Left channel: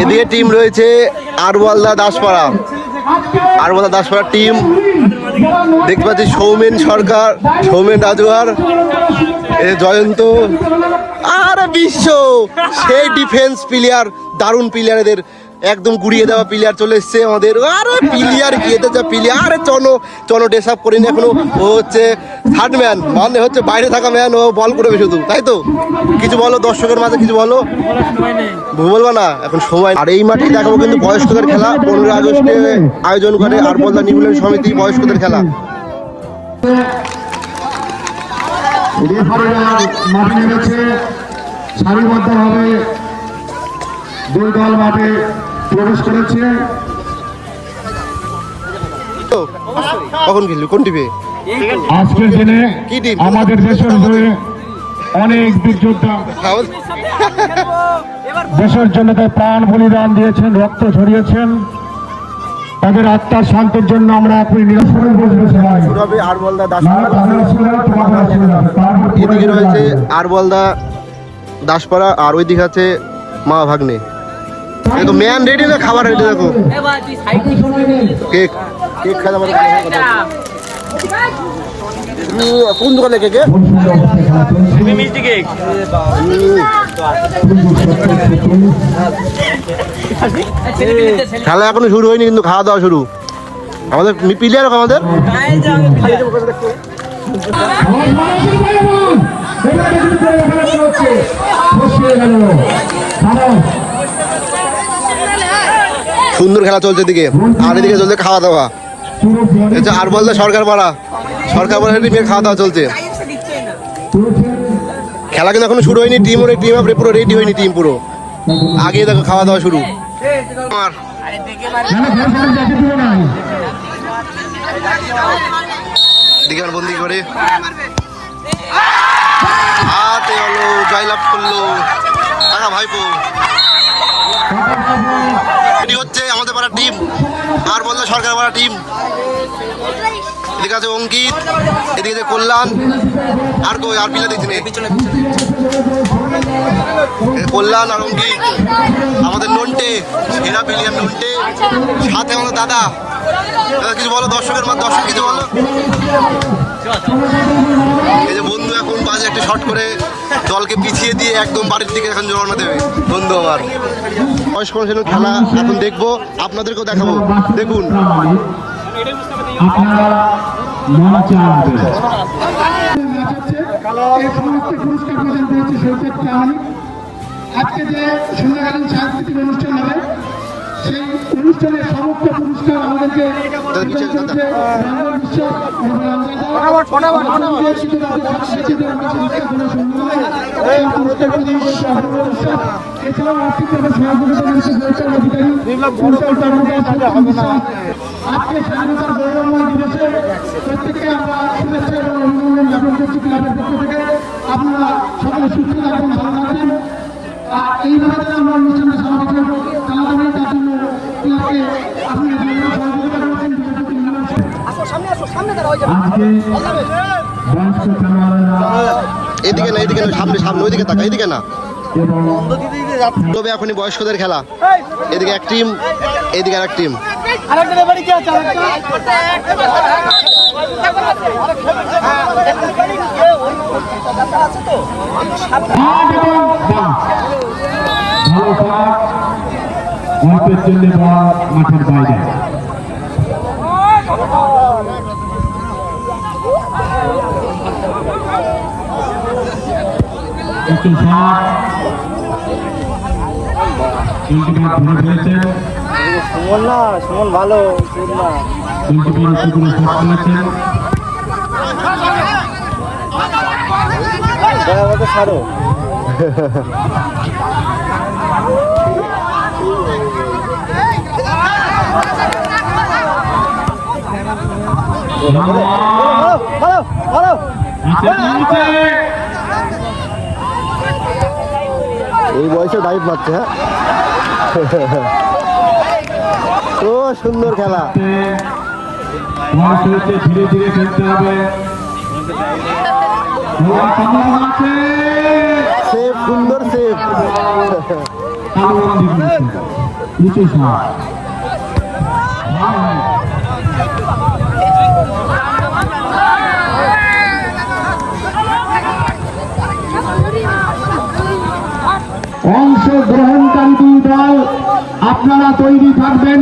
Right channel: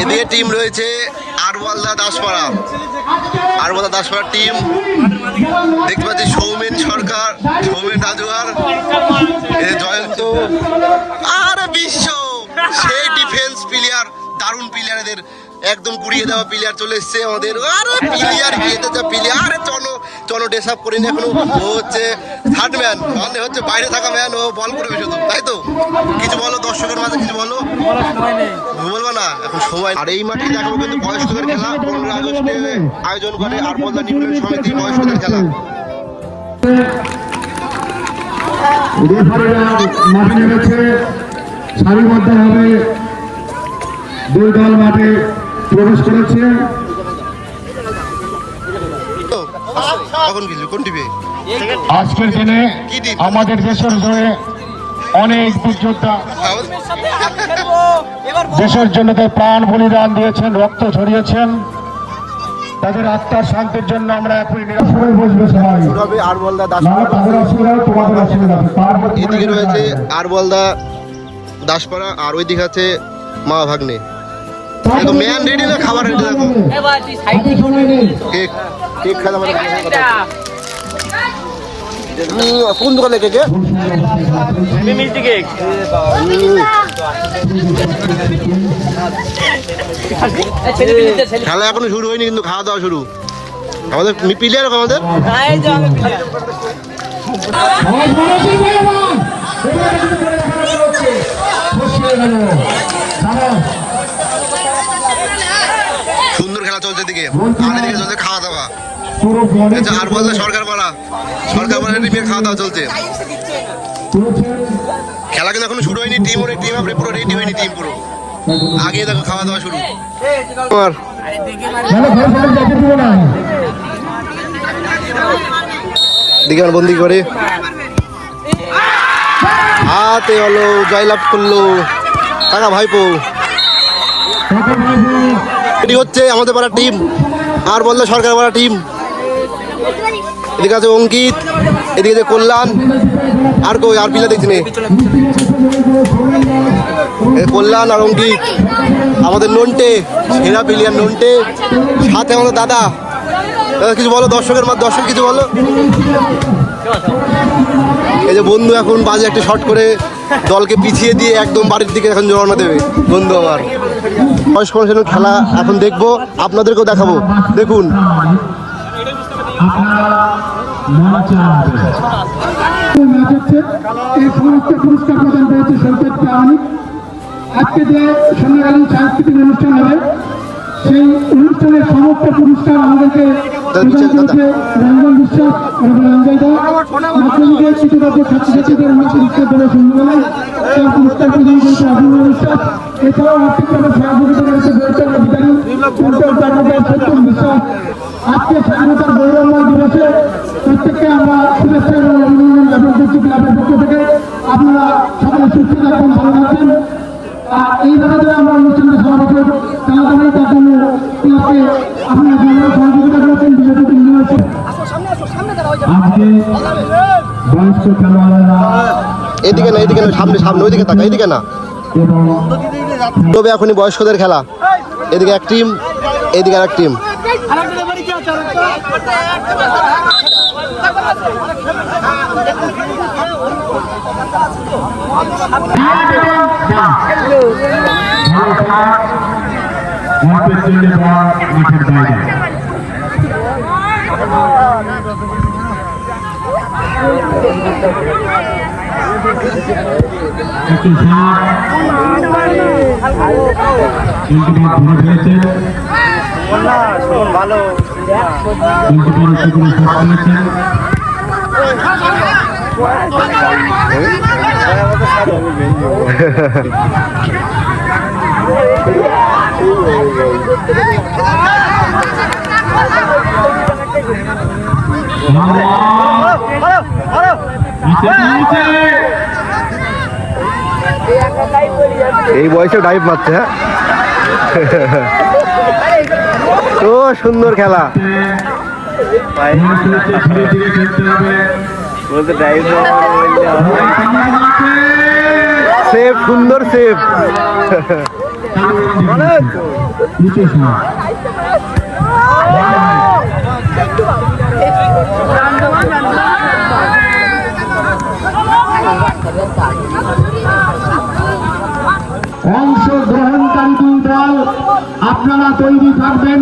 এদিকে টিম রয়েছে আরওয়ালদা দাসপাড়া। আরওয়ালদা দাসপাড়া টিম দেখতে পাচ্ছি সৌমেন সরকার, সৌমেন রাজুয়ার এদের জয়ন্ত। আর বিশ্ব, সেই ডিফেন্স প্লেয়ার দারুণ প্লেয়ার এদের। একদম গুড়িয়ে দেওয়া প্লেয়ার চলে এসছে আমাদের। আরে প্লেয়ার এদের যা প্লেয়ার। আরে চলো চনো ড্রেস আপ করিনি এখনও। ও হচ্ছে থার্ড ম্যান মানে হচ্ছে বাইরে থাকা ম্যান ও বল করবে শুধু, তাই তো? কিছু বলো, দর্শকের মাঝে কিছু বলো? বলব না, এখন সময়। আর এই মাঠে দেখাবো কিন্তু বয়স্কদের খেলা। পনেরো আগস্টে আয়োজন করে আর বলতা নিউল্যান্ড সমিতি বয়স্কদের খেলা। সারিবদ্ধভাবে দুই দল মাঠে প্রবেশ করেছে। কখন খেললি? কোন টিভি আজকের দিনে আমাদের দেশের হয়ে অনেক বীর যোদ্ধা দেশের জন্য প্রাণ বলিদান দিয়েছেন রক্ত ঝরিয়েছেন। তাদের আত্মার শান্তির জন্য আমরা এখন এদিকে রয়েছে আর বলদা দাসপাড়া আর ওই দিকে আছে মা ভাগ্নে। দেখো ম্যান রেডি না খাবার রেডি দেখো। কেক কেক খাওয়া আমাদের কথা উম, কোন দোকানে কেক? খেলা এখনও শুরু হয়নি কিন্তু খাওয়া দাওয়া শুরু। আমাদের প্লেয়ার আমাদের? সুন্দর খেলা চলছে এদিকে। আর এদিকে চলছে খাওয়া দাওয়া আর বলতে সরকার পাড়া সরকার পাড়া টিমে খাওয়া দাওয়া চলছে। খেলা কিন্তু এখনও শুরু হয়নি টিম টিম পুরো রেডি হয়নি টিম পুরো। আগে দেখো খাওয়া দাওয়া শুরু। দিকে আমার বন্দি করে। হাতে হলো, জয়লাভ করল। টাকা ভাইপো এটি হচ্ছে আমাদের পাড়া টিম, আর বলল সরকার পাড়া টিম। এদিকে আছে অঙ্কিত, এদিকে কল্যাণ, আর কই, আর পিলা দেখছি কল্যাণ আর অঙ্কিত, আমাদের নন্টে, সেরা প্লেয়ার নন্টে, সাথে আমাদের দাদা। দাদা, কিছু বলো, দর্শকের মা দর্শক কিছু বলো? এই যে বন্ধু এখন বাজে একটা শট করে দলকে পিছিয়ে দিয়ে একদম বাড়ির দিকে এখন রওনা দেবে, বন্ধু আমার। বয়স্ক মানুষের খেলা এখন দেখব আপনাদেরকেও দেখাবো। দেখুন। আজকে যে সুন্দর সাংস্কৃতিক অনুষ্ঠান হবে সেই অনুষ্ঠানের সমস্ত পুরস্কার আমাদেরকে। রঞ্জন বিশ্বাস এবং রঞ্জন দাস। মাধ্যমিকের কৃতজ্ঞ ছাত্রছাত্রীদের সেই পুরস্কার প্রদান করেছে অপূর্ব বিশ্বাস। এছাড়াও এদিকে না, এইদিকে না, সামনে সামনে, ওইদিকে তাকা এদিকে না। তবে এখনই বয়স্কদের খেলা। এদিকে এক টিম, এদিকে আর এক টিম। মাঠের বাইরে একটু শট গোলকিপার ধরে ফেলেছেন গোলকিপার উচ্চ করে শট এই বয়সে ডাইভ মারছে হ্যাঁ? তো সুন্দর খেলা। ধীরে ধীরে খেলতে হবে সেফ সুন্দর সেফ আপনারা তৈরি থাকবেন।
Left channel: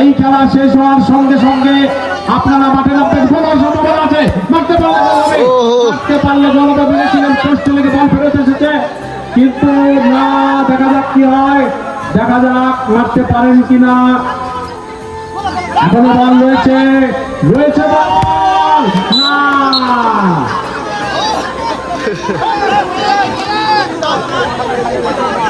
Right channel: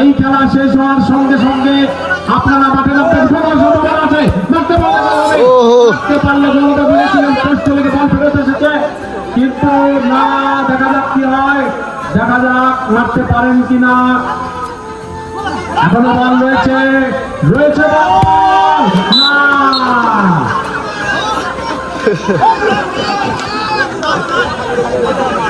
এই খেলা শেষ হওয়ার সঙ্গে সঙ্গে আপনারা মাঠে নামতে সময় সম্ভাবনা আছে। মারতে পারলে জনতা বলেছিলেন পোস্ট লেগে বল ফেরত এসেছে। কিন্তু না দেখা যাক কি হয়। দেখা যাক মারতে পারেন কিনা। এখনও বল রয়েছে। রয়েছে বল। না।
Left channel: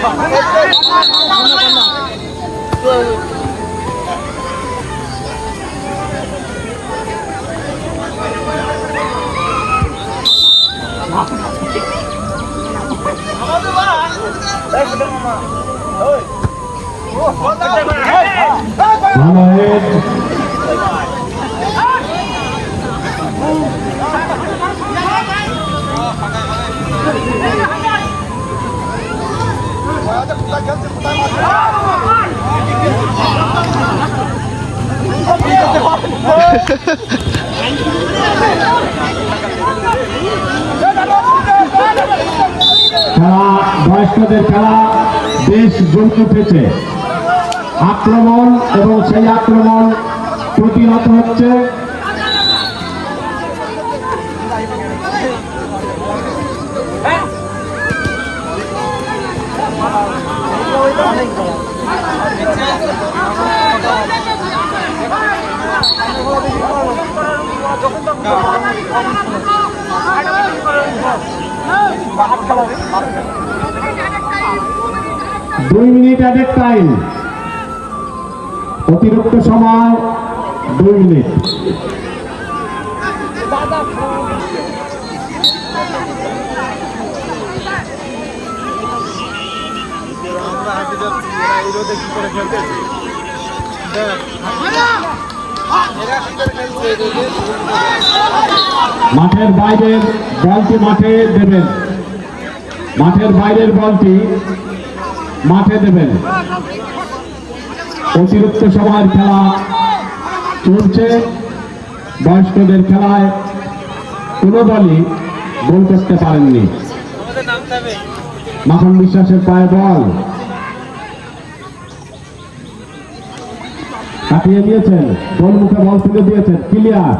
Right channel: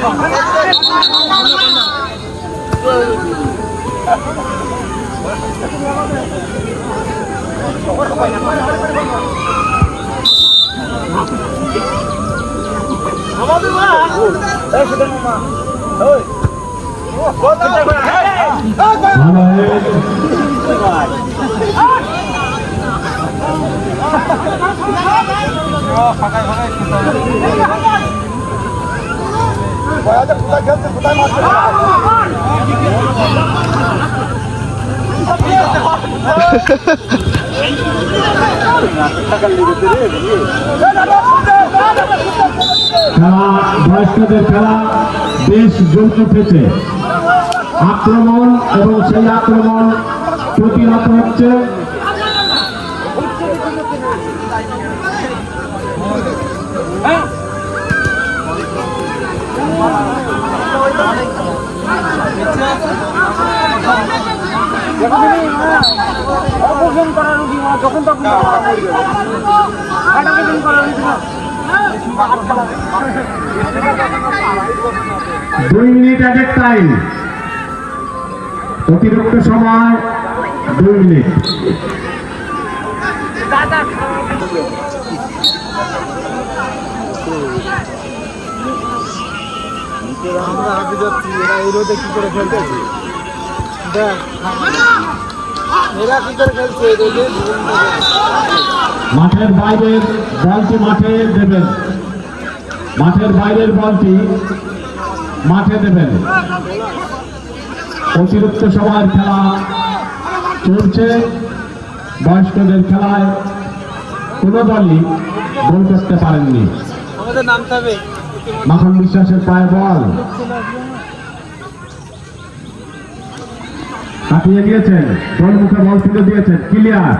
খেলা বয়স্কদের খেলা বেশ জমে উঠেছে আক্রমণ এবং সেই আক্রমণ প্রতিহত হচ্ছে। দুই মিনিট এডের টাইম অতিরিক্ত সময় দুই মিনিট। আমরা হাতে যাচ্ছি এরা এই রোদে কি করে খেলতেছে? দেখ। মাঠের বাইরের বলটি মাঠে দেবেন। মাঠের বাইরের বলটি মাঠে দেবেন। অতিরিক্ত সময়ের খেলা চলছে। বয়স্কদের খেলায় কোনো দলই গোল করতে পারেননি। মাখন বিশ্বাসের পায়ে বল। কাটিয়ে দিয়েছেন। গোল মুখে বল তুলে দিয়েছেন। ক্লিয়ার।